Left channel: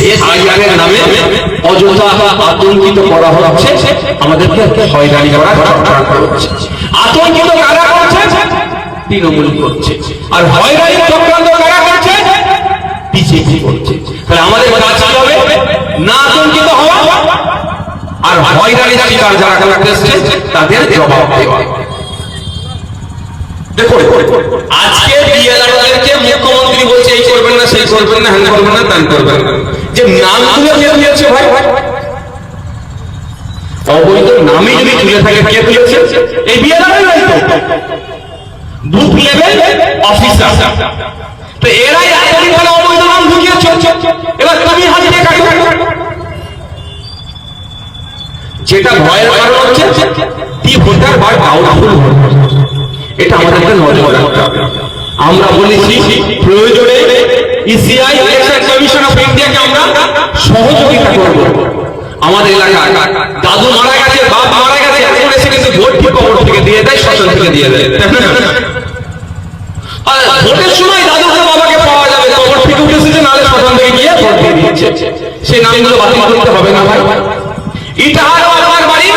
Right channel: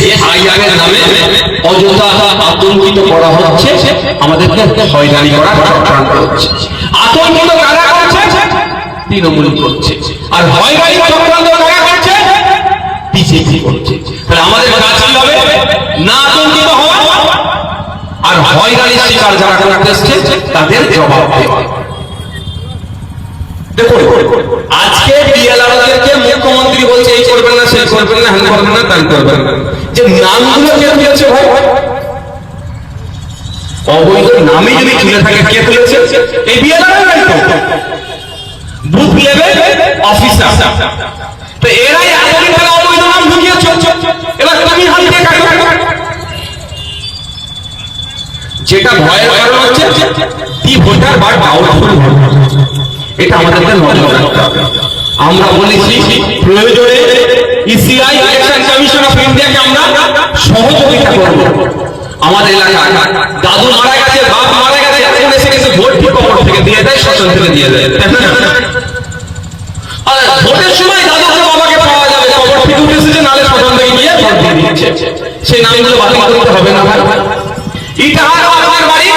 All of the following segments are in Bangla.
SIR এর নামে অযথা আতঙ্কিত করা হচ্ছে, আমাদেরকে হয়রানি করা চক্রান্ত হচ্ছে। আতঙ্কিত কারা করছে? তৃণমূল করছে। আর হয়রানি চক্রান্ত কারা করছে? বিজেপি করছে। তাহলে আমাদের কাজ কি হবে? না আতঙ্কিত হওয়া, আর হয়রানির শিকার যারা করতেছে তাদের জবাব দেওয়া। দেখো আজকে বিএলআরদেরকে মুখ্যমন্ত্রী বলছে এই করবেন না, সেই করবেন না, হ্যাঁ করবেন না, তাই করবেন না। যে নামগুলো কে তুলেছে ভাই, অবৈধ নামই যদি তুলে থাকে কে তুলেছে? এই বিএলআরই তো বুথ লেভেল অফিসার। তো এরাই অবৈধ নাম ঢুকিয়েছে। এবার তুমি হাতে কাটো। যেটা ভয়ের কারণ হচ্ছে দি ভোটার বা ডাউটফুল ভোট, এটা আমাদেরকে নজর রাখতে হবে। আমরা বলেছি প্রয়োজনে ইসিআই ইলেকশন কমিশন অফ ইন্ডিয়াকে আমরা সহযোগিতা করব। আমাদের এলাকায় দাদু মারা গেছে, বাপ মারা গেছে, এখন এসে গেছে ভোট ঠিক কবর থেকে দিয়ে দেয়, শ্মশান থেকে দিয়ে দেয়। আর ভোটের সময় দাদুকে বাবাকে পাওয়া যাবে, কবর থেকে উঠে এসেছে, নালে শ্মশান থেকে গিয়ে ভোট দিয়ে দিচ্ছে। সেই নামগুলো বাতিল করতে হবে না ভাই? এটা আমার বাড়ি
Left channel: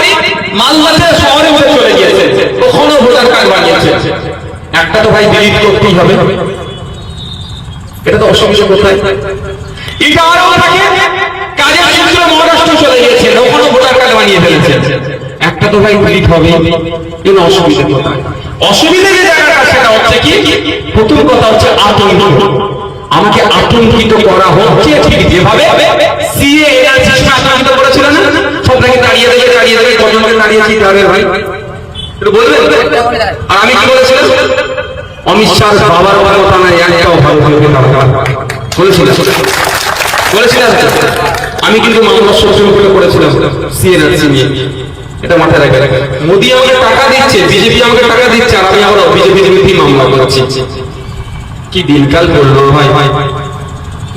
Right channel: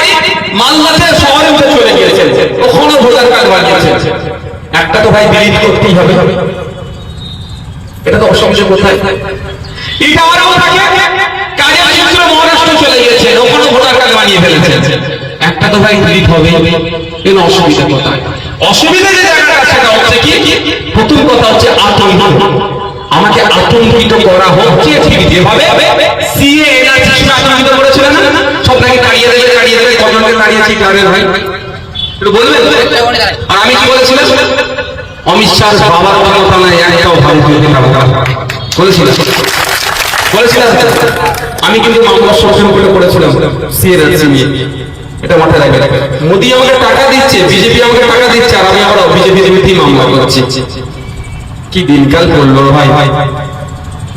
মালদাতে শহরে উঠে চলে গিয়েছে, ওখানে ভোটার কার্ড বানিয়েছে। একটা তো ভাই ডিলিট করতেই হবে, এটা তো অসুবিধা কোথায়? এটা আরো থাকে কাজের সূত্রে মহারাষ্ট্র চলে গিয়েছে, ওখানে ভোটার কার্ড বানিয়ে ফেলেছে। একটা তো ভাই ডিলিট হবে, এর অসুবিধা কোথায়? অসুবিধা যে জায়গাটা সেটা হচ্ছে কি, প্রথম কথা হচ্ছে আতঙ্ক। আমাকে আতঙ্কিত করা হচ্ছে, ঠিক যেভাবে সিএ আতঙ্কিত করেছিলেন না, সব নাকি দাঁড়িয়ে দাঁড়িয়ে গভর্নমেন্ট দাঁড়িয়েছি কারণে ভাই একটু বলবেন। আর আমি কি বলেছিলাম? অমিত শাহ বাবার ভালো থানায় একটাও ভালো হয়ে বলেছিলাম। আমি কিন্তু মামলা সুপ্রিম কোর্টে করেছিলাম সিএনআরসি নিয়ে, এটা মাথায় রাখে। মোদী আমাকে টাকা দিচ্ছে, বিজেপি আমাকে টাকা দিচ্ছে, আর আমি আবার বিজেপি বিরোধী মামলা করছি। কি দিনকাল করলো ভাই,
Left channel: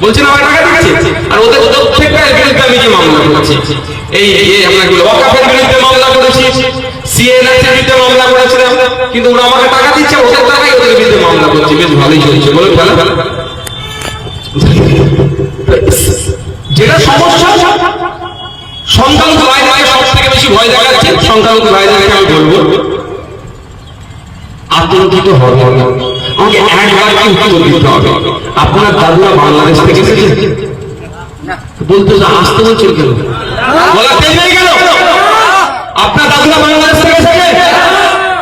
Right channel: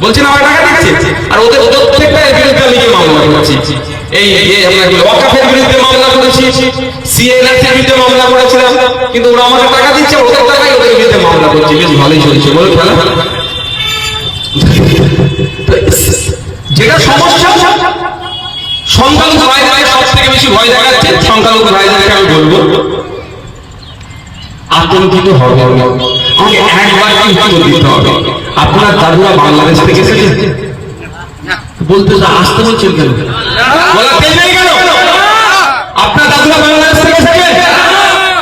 বলছেন আমার টাকা দিচ্ছে, আর ওদের প্রত্যেকটা বিরুদ্ধে নিজে মামলা করছি। এই ওয়াকাফের বিরুদ্ধে মামলা করেছি, সিএনআরসি এর বিরুদ্ধে মামলা করেছিলাম, কিন্তু ওরা আমাকে টাকা দিচ্ছে, ওদের টাকাই ওদের বিরুদ্ধে মামলা করছি। বেশ ভালোই চলছে, বলে ভালো। যেটা সমস্যা, সংখ্যালঘু ভাইদেরকে সব থেকে বেশি ভয় দেখাচ্ছে। সংখ্যালঘু ভাইদেরকে আমি বলবো আতঙ্কিত হবে না, আমাকে একবার উত্তর দিতে হবে। আপনার দাদুরা বাংলাদেশ থেকে এসেছে বলতে আসতে বলছেন কেন? বলা কে নেই গেল? আপনার দাদুরা বাংলাদেশ থেকে এসেছে,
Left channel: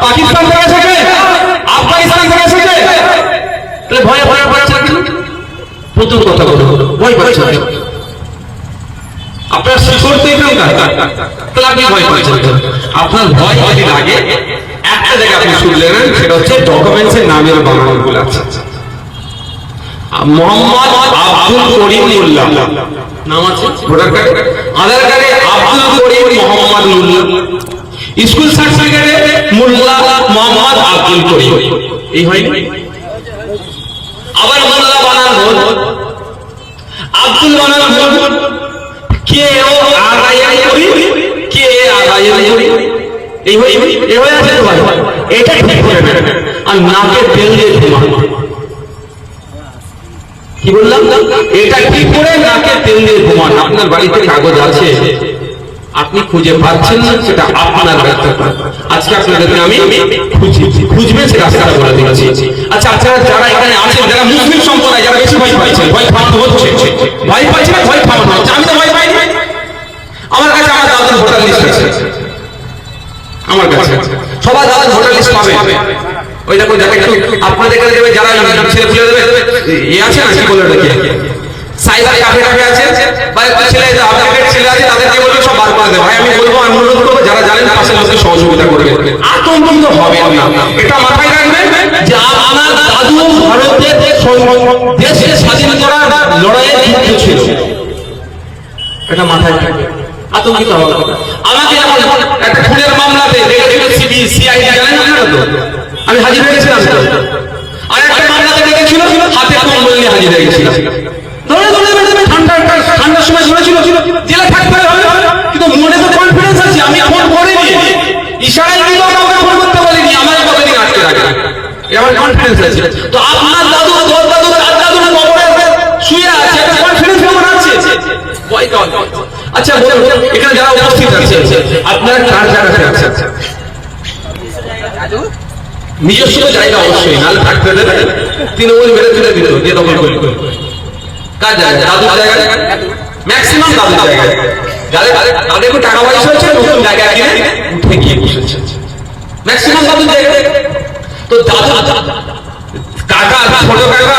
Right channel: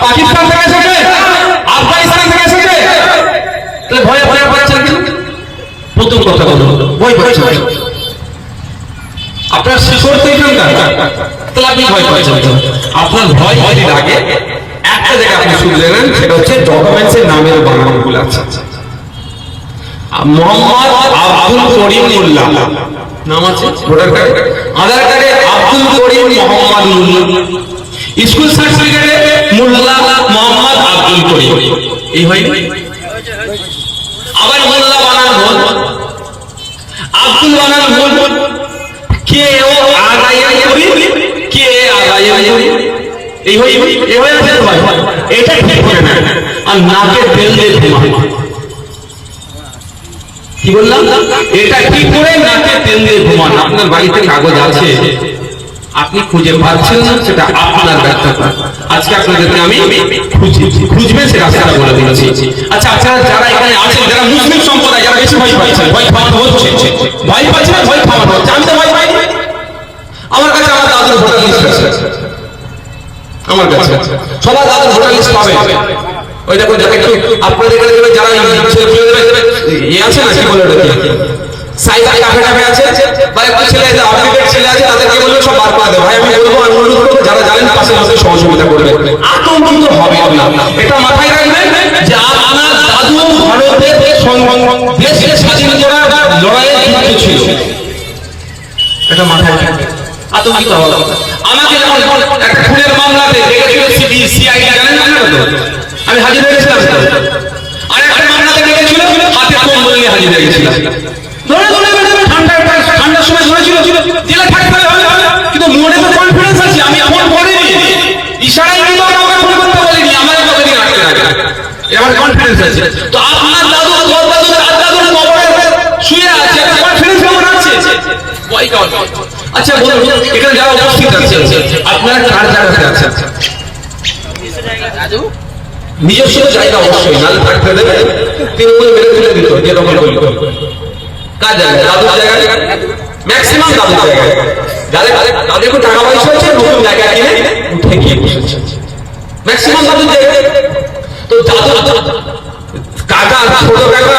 পাকিস্তান থেকে এসেছে, আফগানিস্তান থেকে এসেছে, তাহলে ভয়ে ভয়ে পাচ্ছেন কেন? প্রথম কথা বলো, ভয় পাচ্ছেন। আপনার শিশু এখানকার, তাহলে আপনি ভয় পাচ্ছেন। আপনার ভয় যদি লাগে একটা জায়গা আপনি শুনলেন, সেটা হচ্ছে ডকুমেন্টসের নামের বানানগুলো আছে। মোহাম্মদ আব্দুল করিম মোল্লা নাম আছে ভোটার কার্ডে, আধার কার্ডে আব্দুল করিম মোহাম্মদ মোল্লা, স্কুল সার্টিফিকেটে মোল্লা মোহাম্মদ আব্দুল করিম, এই হয়। আবার মোল্লা বানান ভুল, আব্দুল বানান ভুল, কে ও আগায়ের করি, কে আগায়ের করি, এই হয়। এই হয় আছে তো ভাই, এটা ঠিক করে না। আর নাকে তেল দিয়ে ঘুমা, কি বললাম? এটা ঠিক করে নাকে তেল দিয়ে ঘুমান। আপনার বাড়িতে কাগজ আছে, আপনি খুঁজে পাচ্ছেন না, সেটা আপনার ব্যর্থতা। আজকে আপনাদেরকে আমি খুঁজবে সে রাস্তাটা বলে দিয়েছি। আচ্ছা, আপনারা যারা এখানে আছেন, যারা মুসলিম সম্প্রদায়, যারা বেশি ভয় পাচ্ছেন, ভয় খাওয়া হচ্ছে, ভয় পাচ্ছেন, ভয় খাওয়া হচ্ছে। আমি তো ভয় পাই, আমার কাছে আমার দাদার ভোটার লিস্ট আছে, আমার কাছে সবাই দাদার ভোটার লিস্ট পাবে। ওই দেখুন, যারা একটু আপনাদের কাছে দেবে, যারা ছেলে ফেলে দেবে, ইয়ে আছে না, কি বলে ওটাকে, সাইবার কাফে কাফে আছে, বা একটু ছেলে আপডেটেড ছেলে আছে, তাদেরকে বলবে সব বার করে দেবে। ভাই আমি বলবো, আমি অনুরোধ করবো, যারা জানেন পাশের লোকের সহযোগিতা করবেন, আতঙ্কিত হবে না। এটা মাথায় রাখবেন যে আমার দাদু ভারতের দেশকে স্বাধীন করার লড়াইয়ে যুক্ত ছিল, এটা মাথায় রাখবেন, আতঙ্কিত হবে না। আমাকে একটা খুনের মামলাতে দেখেছিল সিআইডি, জানেন না? আমি হাজির হয়ে গেছিলাম। আর একটা মামলাতে দেখেছিল হাতে কম্বল নিয়ে হাজির হয়ে গেছিলাম। ঠান্ডার সময় শুনেছিল জেলে থাকতে হবে, কিন্তু মনে তো কনফিডেন্স আছে, আমি ফোন করিনি, ইশারায় দিল, আমাকে ফোন করতে বলিনি, আমার কতদিন আটকে রাখে, আমার কনফিডেন্স আছে। তো আপনার দাদু, তোর দাদু, আপনার দাদু কবরে শুয়ে আছে, আপনার কনফিডেন্স কেমন আছে? আচ্ছা বলুন, এখানে যারা উপস্থিত আছে আপনারা কার জায়গাতে আছেন? নিজস্ব জায়গা অবশ্যই, নালে থাকতে দেবে, তৃণমূল মেরে ফেলে দিত যে দখল করল। কার জায়গা? দাদুর জায়গায়, ম্যাক্সিমাম দাদুর জায়গায়। যাদের একটু টাকা পয়সা হচ্ছে নতুন জায়গা কিনে ঠেকিয়ে বসেছে, ম্যাক্সিমাম দাদুর জায়গায়। তো দাদু কাকা, ছোট কাকা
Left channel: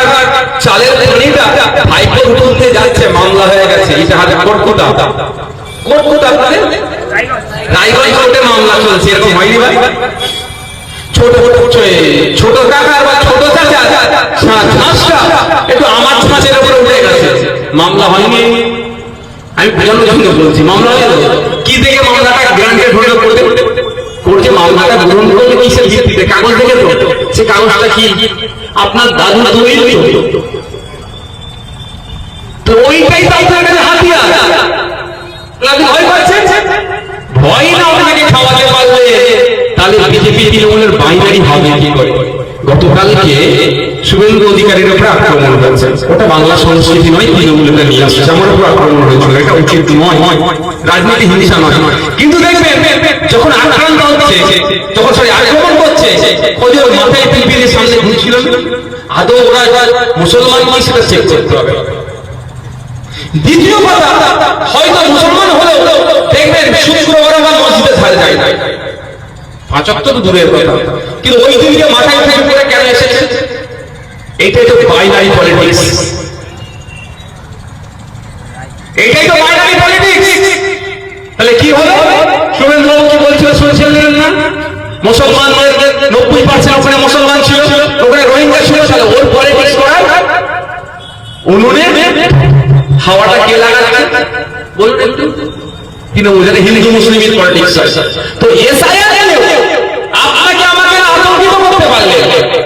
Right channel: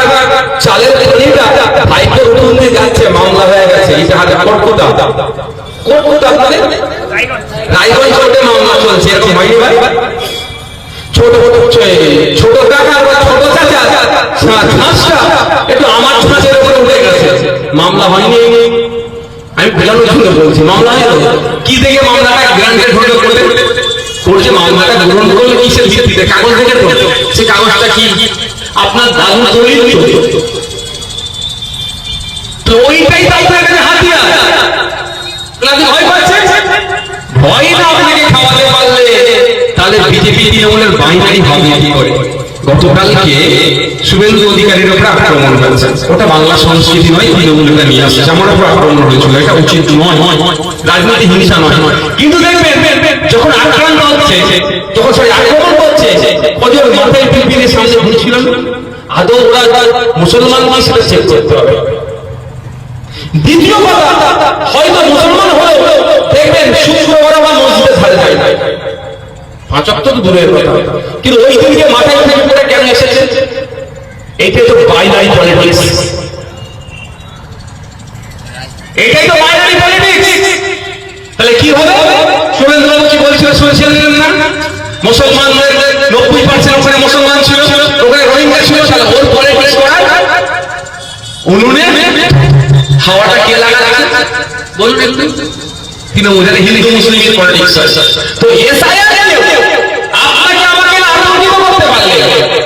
চালের খনিটা হাইকোর্ট উঠে যাচ্ছে, মামলা হয়ে গেছে, এটা হাতে কোর্টটা মানে রায়গঞ্জ কোর্টে মামলা চলছে, এরকম হয়নি ভাই? ছোট কাকা বা ছোট চাচা ঘাসটা একটু আমার ছাঁচের উপরে উঠে গেছে, মামলা হয়নি। আমি বোঝানোর জন্য বলছি, মামলা হয়ে কি দেখে মামলাটা গ্রান্টেড হলো করছে? মামলাটা গ্রহণ করলো কিসের ভিত্তিতে? কাগজ দেখে তো, সে কাগজটা কি আপনার দাদু তৈরি তো ওইটাই তো আপনার কাছে হাতিয়ার। আপনি ভয় পাচ্ছেন? ভয় না আপনাকে খাওয়াতে পারলে তাহলে বিজেপি তৃণমূলের বাইনারি ভাবিয়ে কি করে? গতকালকে শুভেন্দু অধিকারীর উপর আক্রমণ হয়েছে, ওটা বাংলা সংস্কৃতি নয়, তৃণমূলটা নিয়ে আসছে, যেমন উপর আক্রমণ হয়েছিল, এটা উচিত নয়, রাজনীতি হিংসা নয়। কিন্তু দেখবেন যখন আক্রান্ত হচ্ছে, যখন সবাই আক্রমণ করছে, ওদের মাথায় পিপিলের সামনে ঘুরছিল, আদৌ ওরা মুসলমান কি সেটা চেক করতে হবে। দ্বিতীয় কথা, হয়তো মুসলমান হলেও দেখবেন শুক্রবার বা মসজিদে ছাড়ে যায় না, পাঁচক তো দূরের কথা, কিন্তু ওই দিকে মাথায় উঠে করে কেন এসেছে? এইটাই তো বাইনারি পলিটিক্স, এইটাই তো বাইনারি পলিটিক্স। তাহলে কি হবে? শুভেন্দু কি বলছিল শুনছিলেন না? মুসলমানদের 90% ওখানে মুসলমান ছিল, ওখানে রোহিঙ্গা ছিল, তাহলে ওর পলিটিক্স করার উনুনে হাওয়াটা কে লাগাচ্ছে বলবেন? তিনি ওদের হিন্দু মুসলিমের পলিটিক্স আছে। তো এসআইআর আপনাকে আমাকে আতঙ্কিত করতে পারলে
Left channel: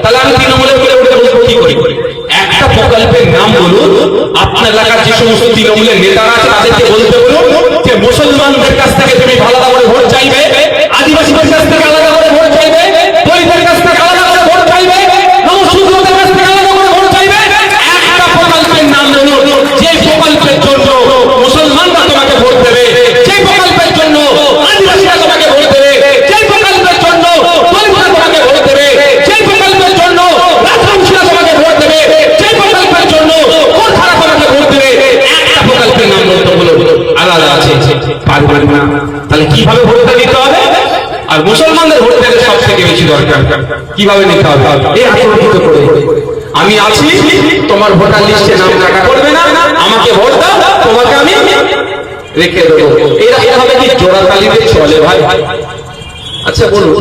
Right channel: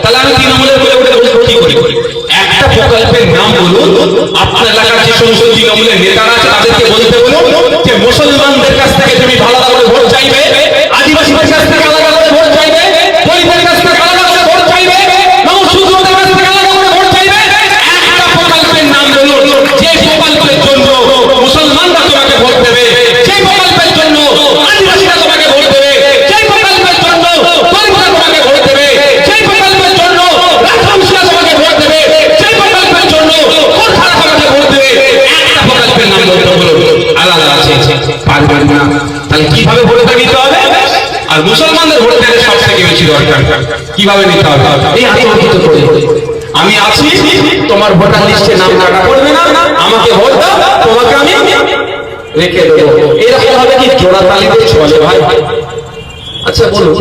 তাহলে আমি তৃণমূলের বলে ওটা বলবো কি করি? একটা প্রকল্পের নাম বলুন, আপনার এলাকার যে সমস্ত তৃণমূলের নেতারা আছে তাদেরকে বলতে বলুন যে মুসলমানদের কাছ থেকে তুমি ভালো ভালো ভোট চাইবে, আদিবাসীদের কাছ থেকে আলাদা করে ভোট চাইবে, দলিতের কাছ থেকে আলাদা করে ভোট চাইবে, মনুষ্যদের কাছ থেকে আলাদা করে ভোট চাইবে। একটা প্রকল্পের নাম বলুন, যে প্রকল্পের জন্য মুসলমানরা তোমাকে ভোট দেবে, যে প্রকল্পের জন্য আদিবাসীরা তোমাকে ভোট দেবে, যে প্রকল্পের জন্য দলিতরা তোমাকে ভোট দেবে, যে প্রকল্পের জন্য রাজবংশীরা তোমাকে ভোট দেবে, যে প্রকল্পের জন্য কোথারা তোমাকে ভোট দেবে। একটা প্রকল্পের নাম বলতে বলুন, আলাদা আছে, পারবেন না। তাহলে কিভাবে ভোটটা নিতে হবে? আর মুসলমানদের ভোট দিতে সব থেকে বেশি দরকার, কিভাবে নিতে হবে? এই আতঙ্কিত করে আমি আছি, তোমার ভোটার লিস্টে নাম কাটা করবে না, আমাকে ভোট দাও, তোমাকে আমি রেখে দেবো, এরকম ভাবে কি জোড়াতালিতে চলে ভাই? আচ্ছা বলুন,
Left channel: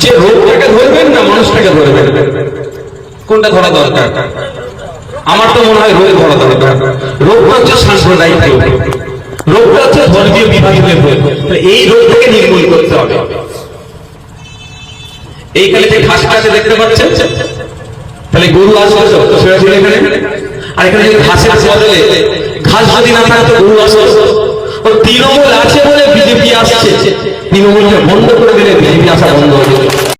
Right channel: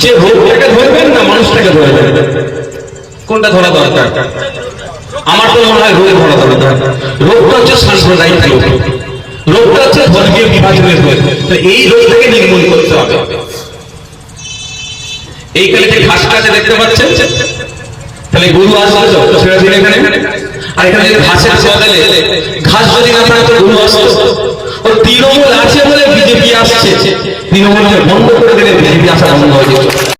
যে রোগটাকে ধরবেন না মানুষটাকে ধরে দেবেন, কোনটা ধরা দরকার? আমার তো মনে হয় রোগ ধরা দরকার। রোগটা হচ্ছে সাম্প্রদায়িক রোগ, রোগটা হচ্ছে ধর্মীয় বিভাজনের রোগ। এই রোগ থেকে নির্মূল করতে হবে। এইখানে যে ঘাস কাছে দেখতে পাচ্ছেন, তাহলে গরু আসছে ছেড়ে ছেড়ে এখানে, আর এখানে যদি ঘাসের বদলে ঘাস যদি না থাকে গরু আসছে। ও তৃণমূল আছে বলে বিজেপি আসছে, তৃণমূলকে বন্ধ করে দিলে বিজেপি আসা বন্ধ হয়ে যাবে।